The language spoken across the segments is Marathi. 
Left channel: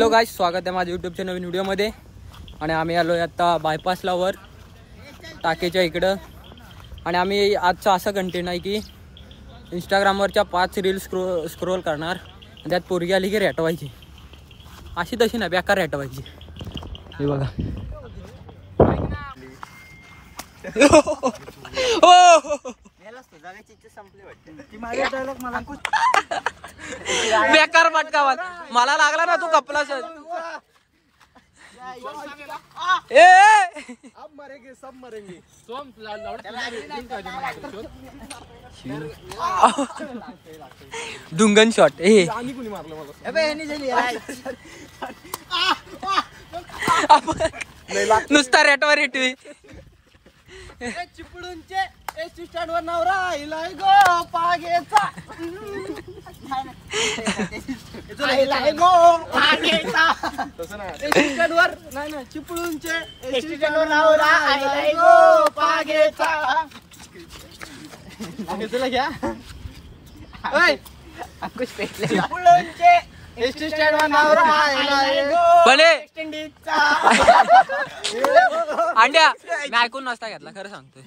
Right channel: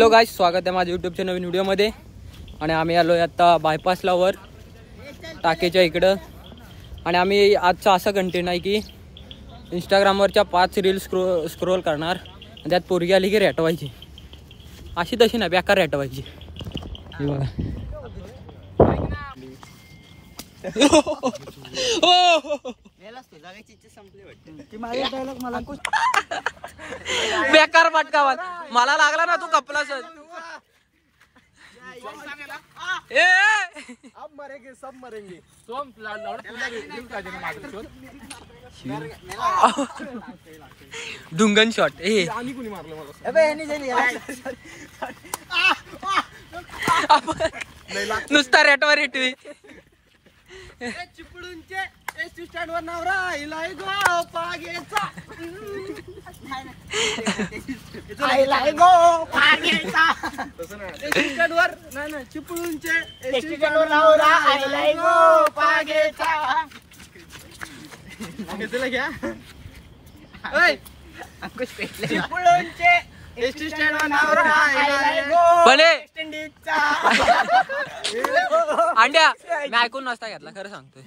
हॅलो गाईस, स्वागत आहे माझ्या यूट्यूबच्या नवीन व्हिडिओमध्ये. आणि आम्ही आलो आहे आता बायपासला वर टाकेच्या इकडं. आणि आम्ही आजचा असा कंटेंट आहे की इंस्टाग्रामवरच्या 5 रील्स स्क्रोल करणार आणि त्यात पोरगी आली की रेटवायची. अशी तशी ना बेकार रेटवायची. हे बघा बेकार पटका मला लागला ना, तू कपला सर. डुंगन शॉट नुसता रेटवर रेटवी चिपळूणचे एसटी स्टँड वर नवरा इलाय गो पागेचा इलाय गो पागेचा एसटी स्टँड वर नाही चिपळूणचे एसटी स्टँड वर नवरा इलाय गो पागेचा घेतला घ्या. ओय अंकुश पेटले. चिपळूणचे एसटी स्टँड वर नवरा इलाय गो बने स्टँडीचा अंड्या मी ऐकून नसता घेतला, खरं सांगतोय.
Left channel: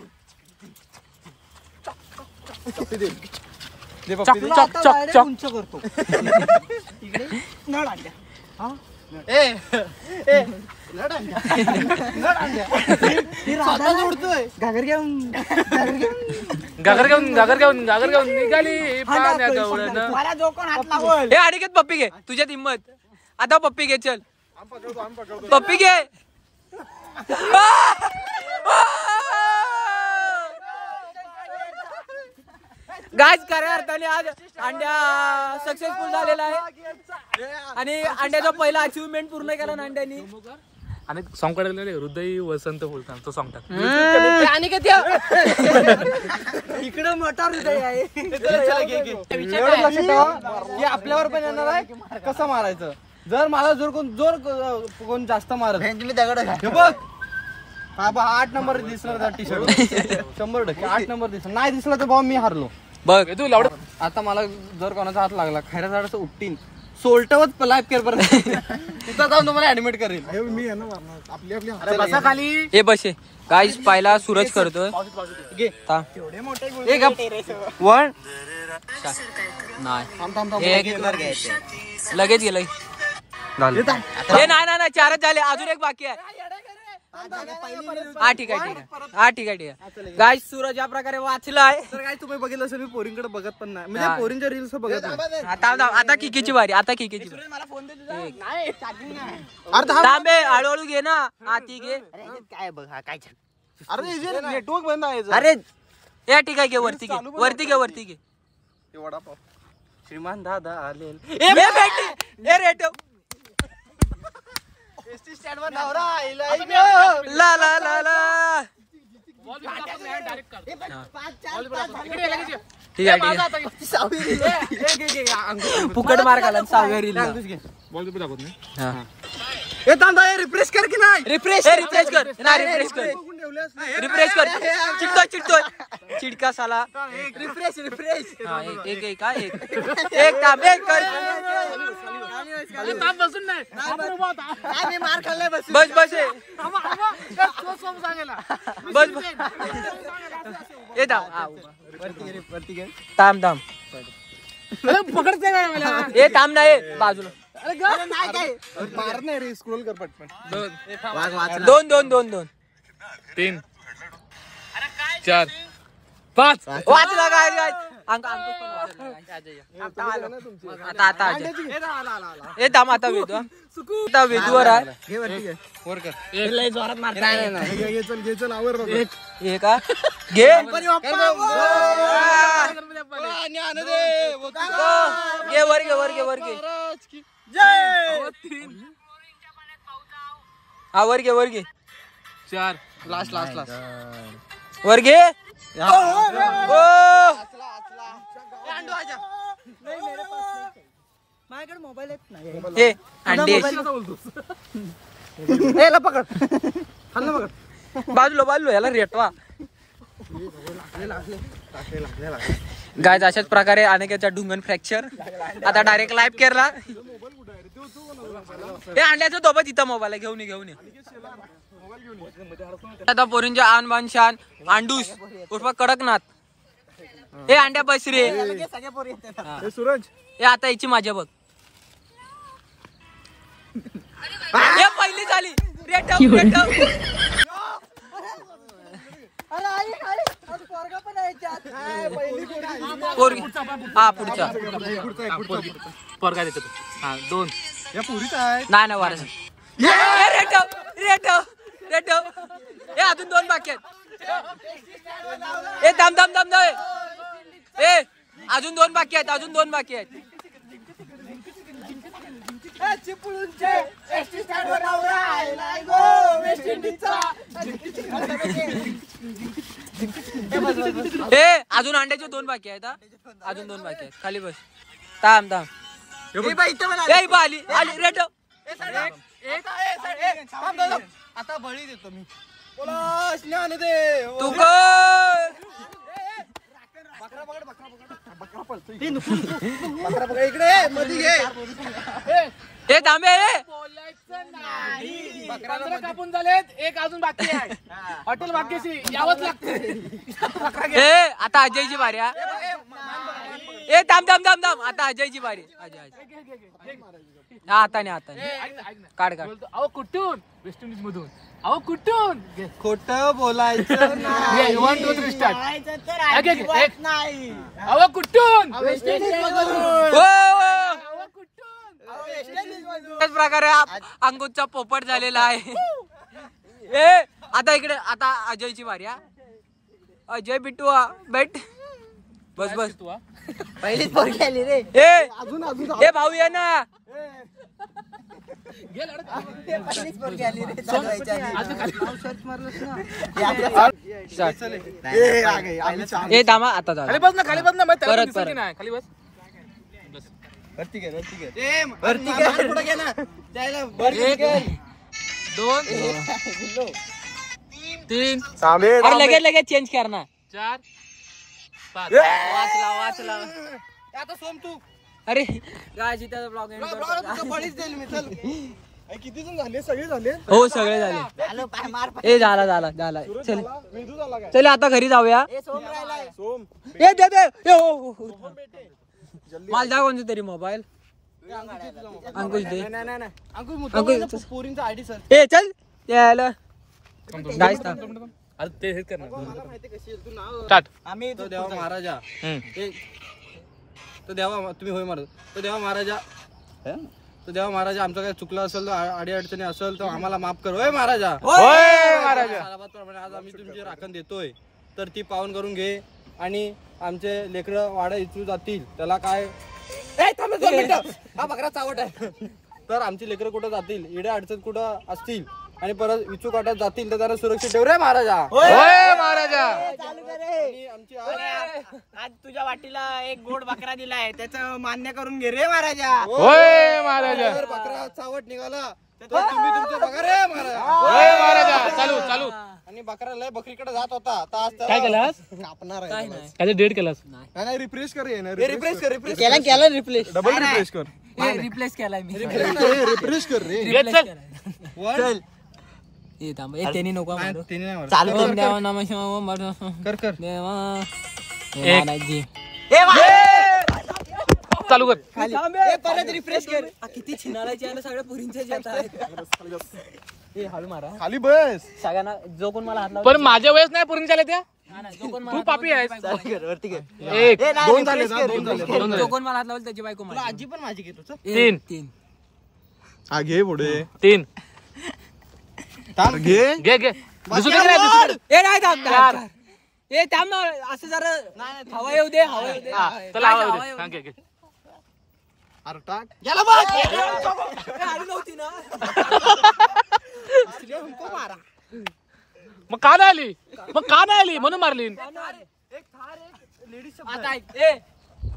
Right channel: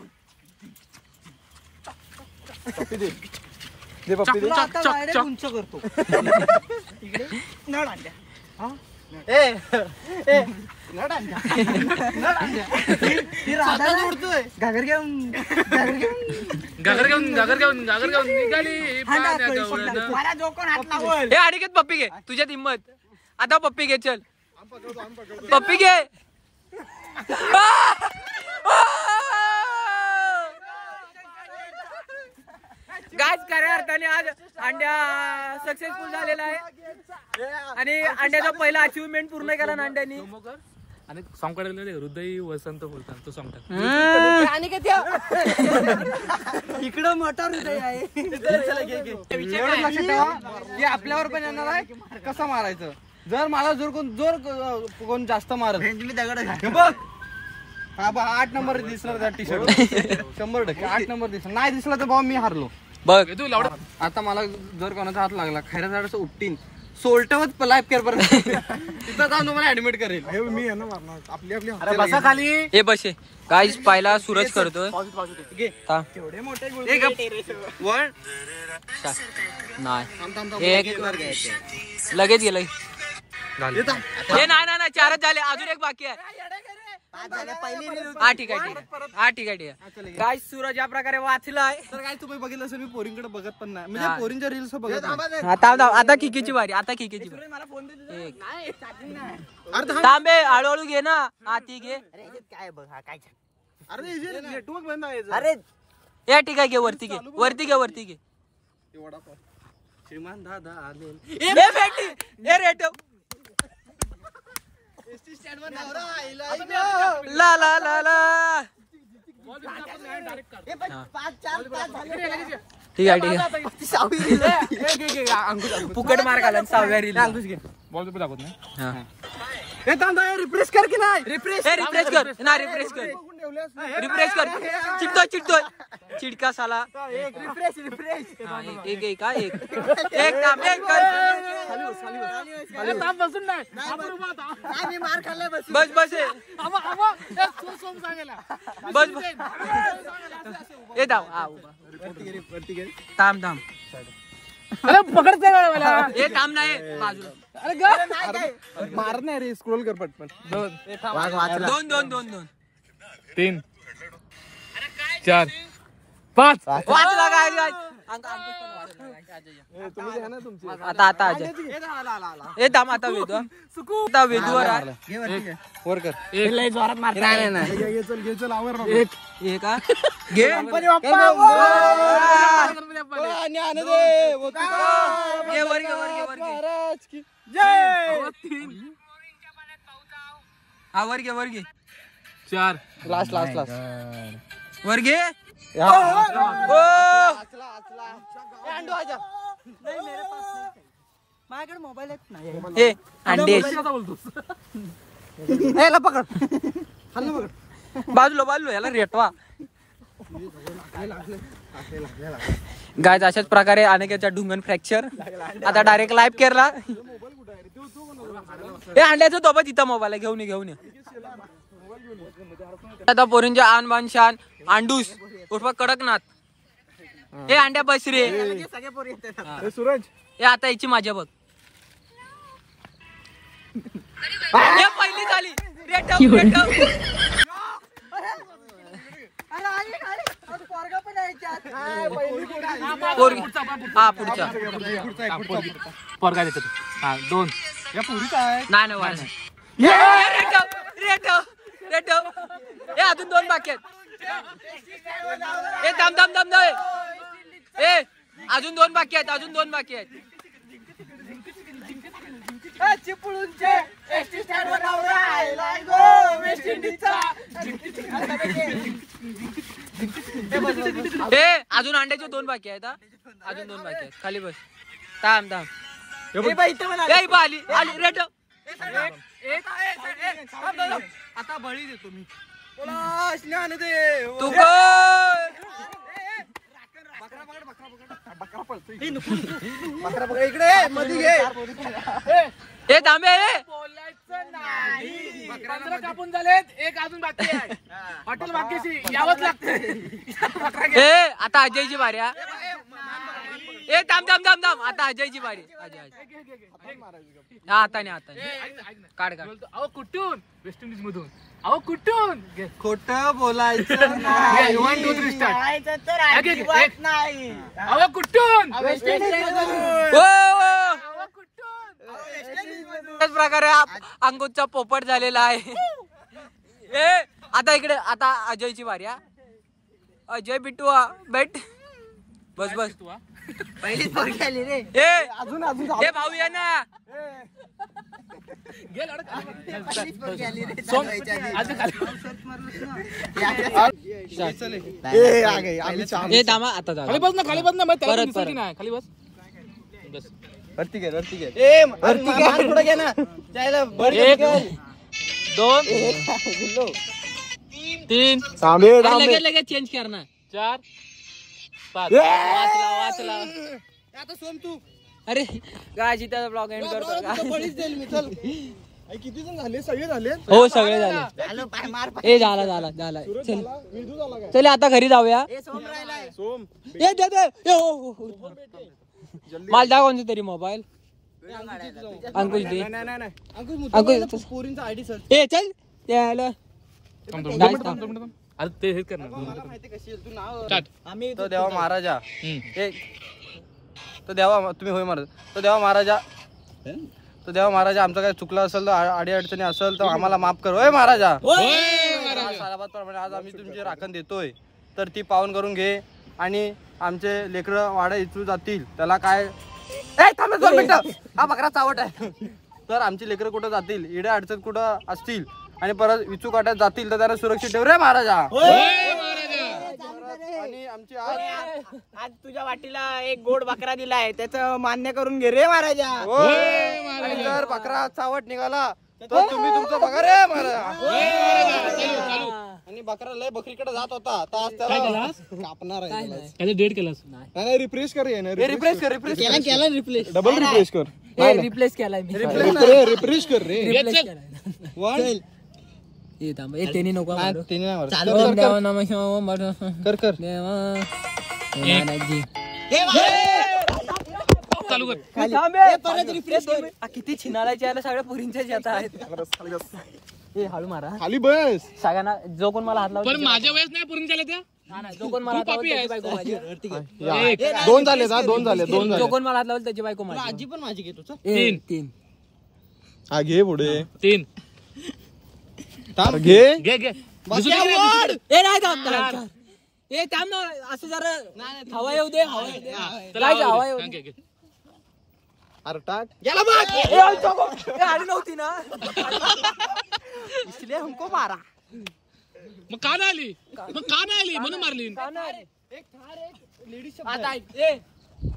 उंच करतो इकडे नळ आणल्या. घागर घेऊन निघाली. मला जो कोण हात लावल हे अडिकेत पप्पी घे, तुझ्यात हिंमत. आता पप्पी घे, चल पप्पी घे. गाइस खऱ्या अर्थाने आज अंड्या सक्सेसफुल झालेला आहे आणि अंड्याचा पहिला अचिव्हमेंट पूर्ण केला ना अंड्यानी. आणि सॉंग करायला हृदय वसंत बोलतात तो सॉंग टाक. आणि इकडं मोठा हृदय आहे. एवढं लक्षात ठेवा की आपल्यावर पण येणार आहे कसं मारायचं. जर मला जोर कोण जास्त मारत तुम्ही दगड हे बघ हा बा 8 नंबर दिसणार टी शर्ट 100% 8 नंबर दिसणार. नाही दिसला तर भाऊ मी हारलो बघ. आता मला जर कोणाचा हात लागला खैरा झाडाचं उपटीन सोल्टवत लाईफ केअर पर्यंत तिथं जाऊन तुम्हाला ऍडमिट करेल. मी आहे ना आपली अरे बसा खाली. हे बसे गाइस, पहिला सूरज करतोय. एवढे मोठे वन नाही एक लगेच गेलं. हे नाही 4च झाले, अजून एक बाकी आहे. हा ठीक आहे. गाइस सूरज या प्रकारे वाचलाय. तर काय तुम्ही बघितलं असेल मी पोरींकडे बघत पण नाही, म्हणजे पोरींच्या रील्स बघत नाही. आता किकीची वारी. मला फोन दे. तांबे हळूहळू घे ना. हा ती घे. काय बघ हा काय अरे नेटवर्क बंद आहे. अरे या ठीक आहे, घे वरती घे. वडापाव श्रीमान दादा आले रेट ला ला ला ला. ठीक आहे फुकट मार घाला 6व्या रील. बॉल पेपर दाखवत नाही. रिफ्रेश कर की नाही. रिफ्रेश कर. चिडतोय चिडका साला. रिफ्रेश एक तांबे कर. बसून नाही मार खाल्लाय बस हे थांब हे थांब नाही बाजूला. मारत नाही रे, स्क्रोल कर पटपन. 2 3 4 5 वाचला काय आता हे थांब. आता वेदूवर आहे. वर कर. चल आवर हे का घे. वर घे. हा वर घे 4 लास्ट वर घे. माझ्याकडे मोबाईल आहेत ना. हे अंडे बाजूला याला रेटवा. गाइस अशाच प्रकारे अनेकाच्या ढुंगण फ्रॅक्चर आता डायरेक्ट लाईव्ह केला. हे अंड्याचं दोबा तिथं मोबाईल घेऊन ये आता पोरींच्या आन बान शान अंडूस उठवा कडकनाथ. हे अंड्या बस रे. सूरज हे आता याची माझ्या बघ. हे पहिली झाली. हा पुढचा पोरगा देतो. हा 2 या पुरीच आहे. नाही वारस. हे अजून 2 बाकी आहेत. हे थांब ए अजून 2 बाकी आहेत. चिपळूणचे एसटी स्टँडवर नवरा आलाय गो वेस्ट इंडिजचा. हे अजून अंड्याचे 2 बाकी आहेत. अजून 2 बाकी आहेत. खाली बस. थांब आली रेट. आता बळी देतो मी. तू इकडे मध्ये घे. हे थांबे. बोलायचं नाही. 15 कापून झालेत, 1 अजून बाकी आहे. हॉटेल भाग्यश्री यावंच लागते. हे आता अजयची बारी. ए थांब आता अजयची बारी. हा आता काढ. अहो कुठून? वेस्ट इंडिज मधून. अहो कुठून? खोट बोलायचं नाही. 1 2 3 स्टार्ट. करायचं तर अजिबात नाही. अहो कुठून? वेस्ट इंडिजमधून. अहो कुठून? त्याच प्रकारे अंकुशचा पोपट झालेला आहे. ए आता इकडे आता अजयची बारी. अजय बिट्टू बैठ. बस पहिलीच पोरगी आली रे. ए अजून हे भाऊ ये ना. पहिलीच पोरगी आली रे. चालवायच्या आधी. ए थांबा आता खाली बस ना. परत. खाली बस. वरती घे. पुढे घे ना. जायला 1 2 3 अरे लगेच चेंज कर ना. 4 5. वाचला. आता सोम तू अरे काय त्याचा ब्लॉग एंड करतो. बळीच देईल मी. चल किती जण झाले? सगळे झाले. हो सगळे झाले. ए झाला चल चल आता घरी जाऊया. सोम राहिलाय. ए दे हो. मला द्या कोणता तरी मोबाईल. अंकुश दे. अंकुश पोरींचा आयडी सर. ए चल त्याला गाईस अरे ते हे कर ना. स्टार्ट. आम्ही तो देवा महाराजा. तो देवा तुम्ही होय महाराज. तो देवा महाराजा आमचं काही चुकलं असेल तर अडी अडचणी असेल तर आम्हाला माफ कर. होय महाराजा. सालाबादप्रमाणे आज आम्ही तुमची राखण देतोय तर ती पावन करून घे. आणि आमचे लेकरं वाडा इचू जातील त्याला काय थांबा 2 मिनिटं. हा बकरा चावट आहे. तर आमची लेकरं कुठं जातील इड्या अडचण कुठं असतील आणि परत विचू काट्यात जातील तर त्यांना सुरक्षित ठेव रे महाराजा. आणि आमची आज तुझ्या वाटीला एक गोड बकरा दिलाय त्याचं मान्य करून घे रे महाराजा. जर बकरा चावट निघाला तर तुम्ही तुमचं बघा रे महाराजा. चालू. आणि बकरा लय बकरीकडे जात होता. काय केलास? कापणार आहे. काय डेट केलास? नाही रिफ्रेश कर. रिफ्रेश कर. केला रिप्लेस. डबल रिफ्रेश कर. रिप्लेस केलाय मी. रिफ्रेश कर रे. चल ये थांब. एक त्यांनी नको मारू. चालू देवा नमः शिवाय कर. देवा महाराजी. चालू कर. परत रिफ्रेश कर. किती छिनाळाच्या याला सगळ्या पुरींच्या येत आहेत. हळू मारा. खाली बस. सगळ्यांना जो कोण मला हात लावला पण माझ्या वेळेस नाही पुरून झाले त्या. जो कोण तू मला पापी आहेस. 2 झाले. 2 झाले. जो कोण मला हात लावला त्याची बायको माझी. आजी पण माझी घेतो. 3 हा घे पुढे. 3 घे. घे. ए नाही थांब. ए थांब ना. असं जरा हवा येऊ दे. हवा येऊ दे. अरे टाक. आली नव्हती ना. हमको मारा. मग का नाही आली म्हणून मारली. आता ऐक. ए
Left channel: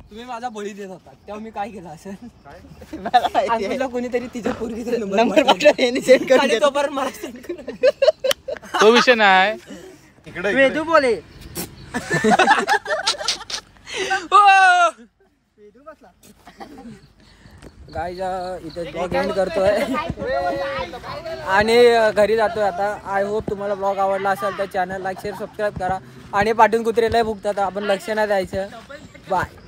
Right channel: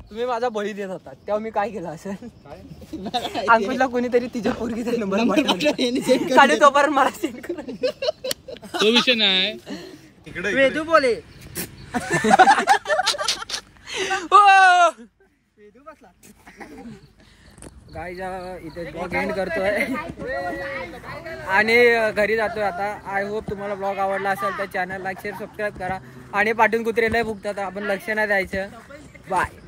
तुम्ही माझा बळी देत होता तेव्हा मी काय केलं असेल. अंकुशला कोणीतरी तिच्या पोरगीचा नंबर आणि तोपर्यंत मला सेंड कर. तो विषय नाही. वेदू बोले. गाईज इथे ब्लॉग एंड करतोय आणि घरी जातोय आता. आय होप तुम्हाला ब्लॉग आवडला असेल तर चॅनल लाईक शेअर सबस्क्राईब करा आणि पाठून कुत्रेला भुकतात आपण लक्ष नाही द्यायचं. बाय.